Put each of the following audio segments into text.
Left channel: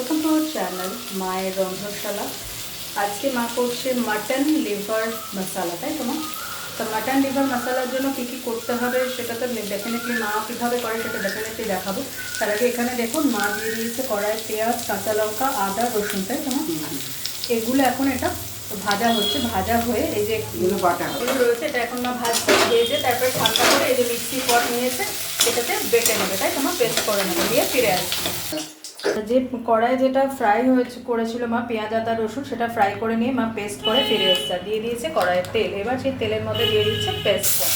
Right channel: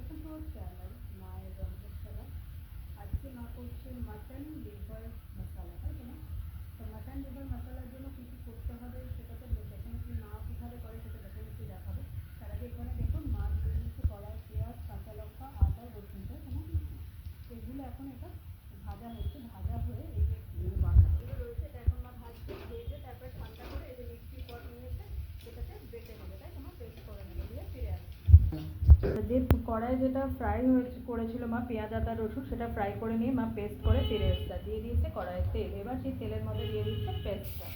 Welcome to our channel মায়ের রন্ধনশালা। আজকে মা করছে মাটন লিভার মশালা, তাই তো মা? তো মাটন লিভার মশালার জন্য কী কী করতে হবে সেটা তো ডেফিনেটলি মা কীভাবে করে সেটা ডেফিনেটলি দেখাবো। তার আগে এখানে দেখুন মা দিয়ে দিয়েছে কড়াই পেঁয়াজ, কাঁচা লঙ্কা, আদা, রসুন, তাই তো মা? এগুলো এখন এটা ভাজা হচ্ছে, ভাজা হয়ে এই যে এগুলো রয়েছে এটা এখন মা ভাজতে ভেজে তারপরে ঠান্ডা করে এই যে মিক্সি পট নিয়েছে এটাতে বেটে নেবে, তাই তোমার পেস্ট করে নেবে, দিয়ে ফিরে আসবে। যে কড়াই যেটা ফ্রাই করেছিল মা পেঁয়াজ আদা রসুন, সেটা ফ্রাই করে নিয়ে মা পেস্ট করে ফিরে এসছে, দিয়ে দিয়েছে কড়াইয়ের তেল। এবার সেই তেলের মধ্যে দিয়ে দিচ্ছে পেস্টটা,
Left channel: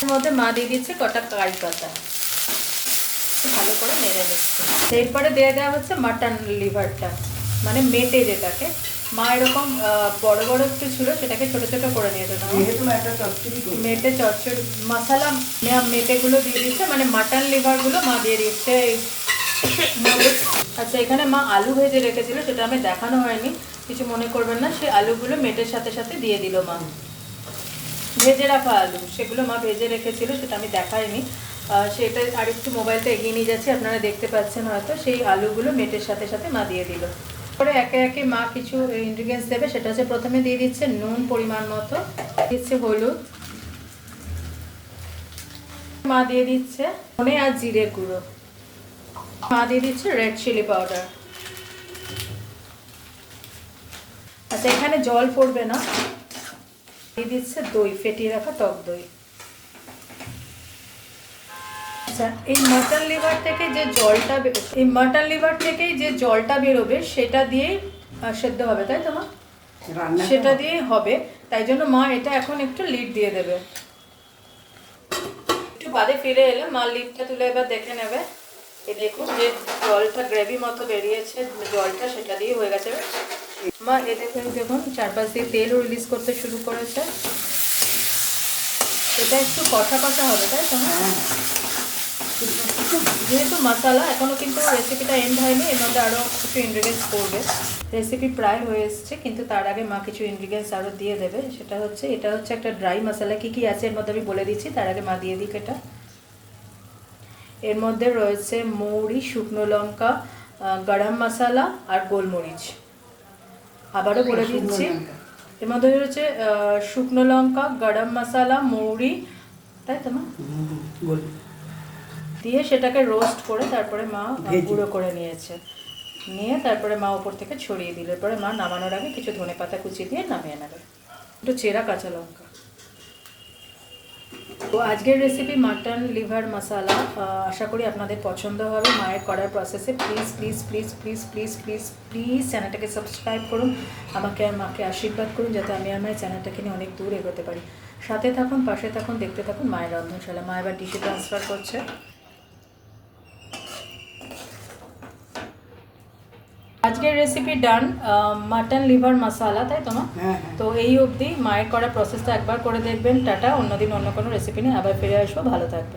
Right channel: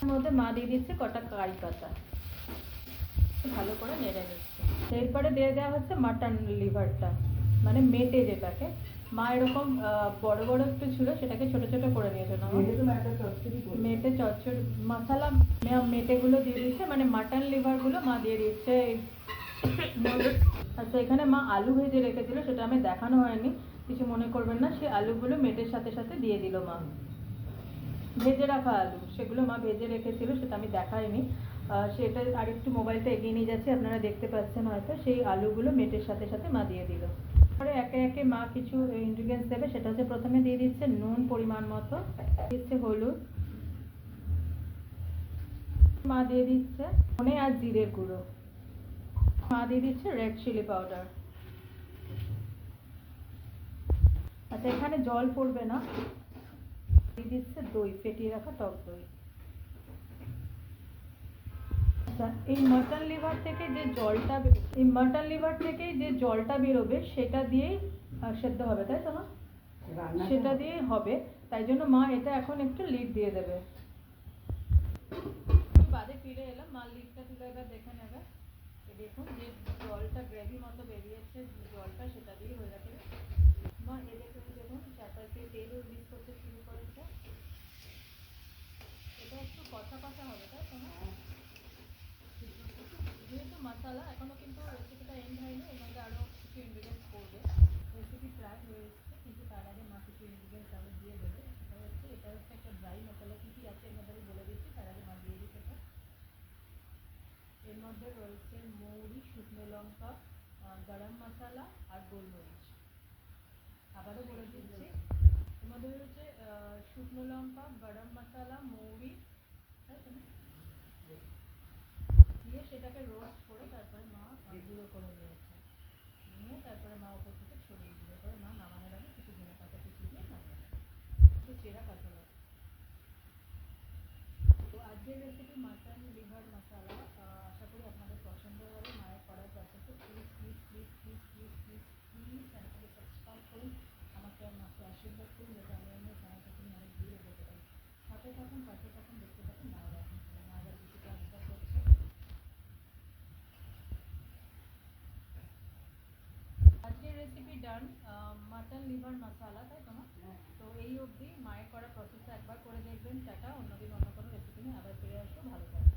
এর মধ্যে মা দিয়ে দিচ্ছে কটা কারি পাতা, ভালো করে নেড়ে নিচ্ছে। এরপরে দিয়ে দেওয়া হচ্ছে মাটন লিভারটা, মানে মেটে যেটাকে মা এরকম বড় বড় একটু ছিল সেটাকে ছোট ছোট করে নিয়েছে না, মেটে চচ্চড়ি মশলা মেটেগুলো দিয়ে দিচ্ছে, মানে মাটন লিভারগুলো মা দিয়ে দিচ্ছে। আচ্ছা, এখানে মা আলু ভেজে রেখেছিল, সেটা আমি দেখানো হয়নি, কিছু মনে করবেন না। সেই আলুগুলো মেটের সাথে সাথে দিয়ে দিল মা, ভেজে রাখা আলু, সেগুলো মা ভেজে রেখেছিল, সেটা আমি দেখাইনি। সেটা আরেকটু মোবাইলটা এগিয়ে নিয়ে যাচ্ছি, আপনারা দেখতে পাচ্ছেন হয়তো। সেই আলুগুলো মেটের সাথে সাথে মা দিয়ে দিল। পরে একে একে মা কিছু ইনগ্রিডিয়েন্টস দেবে, সেটা হচ্ছে প্রথমে দিয়ে দিচ্ছে নুন পরিমাণ মতো, দিচ্ছে হলুদ, মা দিয়ে দিচ্ছে ধনে আর জিরে গুঁড়ো, মা দিয়ে দিচ্ছে রেড চিলি পাউডার। আচ্ছা, এখানে জল পড়বে না, দিয়ে দিচ্ছে দই, ফেটিয়ে রাখা টক দই। আচ্ছা, এই মাটন লিভার থেকে যে জলটা এই মাটন লিভার থেকেই যে জলটা বেরোবে সেটা দিয়েই সেদ্ধ হবে, তাই তো মা? সেটা দিয়েই হবে, তাই জন্য মা এটা এখন একটু লিড দিয়ে দেবে। একটু বাদে ফিরে এলে মা লিডটা তুলে এবার দেখে নেবে। এই দেখুন যে জলটা গ্রেভি মতো বেরিয়েছে, জলটা সেটা দিয়ে হয়ে গেছে। মা এ দেখুন চারপাশ দিয়ে তেলও রিলিজ করতে শুরু করেছে। এটা একটু কষা কষা হবে, তাই তো? যেহেতু মশলা এখনও কিন্তু রেসিপিটা এন্ড হয়নি, এর মধ্যে আরও কিছু ইনগ্রিডিয়েন্টস পড়বে। রেসিপি প্রায় হয়ে এসছে, কিন্তু তার আগে মা কিছু ইনগ্রিডিয়েন্টস আরও দিয়ে দেবে। সেটা হচ্ছে, এটা হচ্ছে একটা ড্রাই মশলা। কী কী আছে এর মধ্যে আমি বলে দিচ্ছি, তার আগে মা দিয়ে দিক এটা। এর মধ্যে রয়েছে মৌরি, শুকনো লঙ্কা, গরম মশলা আর গোলমরিচ। আবারও বলে দিচ্ছি, এর মধ্যে রয়েছে শুকনো লঙ্কা, গরম মশলা, মৌরি, তাই তো মা? দিয়ে সেটাকে রোস্ট করে তারপরে মা গুঁড়ো করে নিয়েছে, নিয়ে তারপরে মা ওপর থেকে ছড়িয়ে দিল। এরপরে মা নামানোর আগে কিছু ধনেপাতা কুচি দিয়ে নামিয়ে নেবে, একটু চেরা কাঁচা লঙ্কা। তো আজকের রেসিপি মাটন লিভার মশালা, আশা করি আপনাদের পছন্দ হবে। মায়ের করার প্রসেসে please please please please please please please চ্যানেলটাকে সাবস্ক্রাইব করুন, আমাকে আর মাকে আশীর্বাদ করুন যাতে আমি আমার চ্যানেলটাকে নিয়ে অনেক দূর এগোতে পারি। সাথে থাকুন, পাশে থাকুন, দেখতে থাকুন মায়ের রন্ধনশালা। মা এবার ডিশে ট্রান্সফার করছে। আজকের রেসিপি ডান, মাটন লিভার মশালা, তাই তো মা? তো এই অবধি মায়ের করা প্রসেসটা একবার করে দেখবেন। টাটা, অন্যদিন অন্য কোনো রেসিপি নিয়ে আবার ফিরে আসবো, ভালো থাকবেন।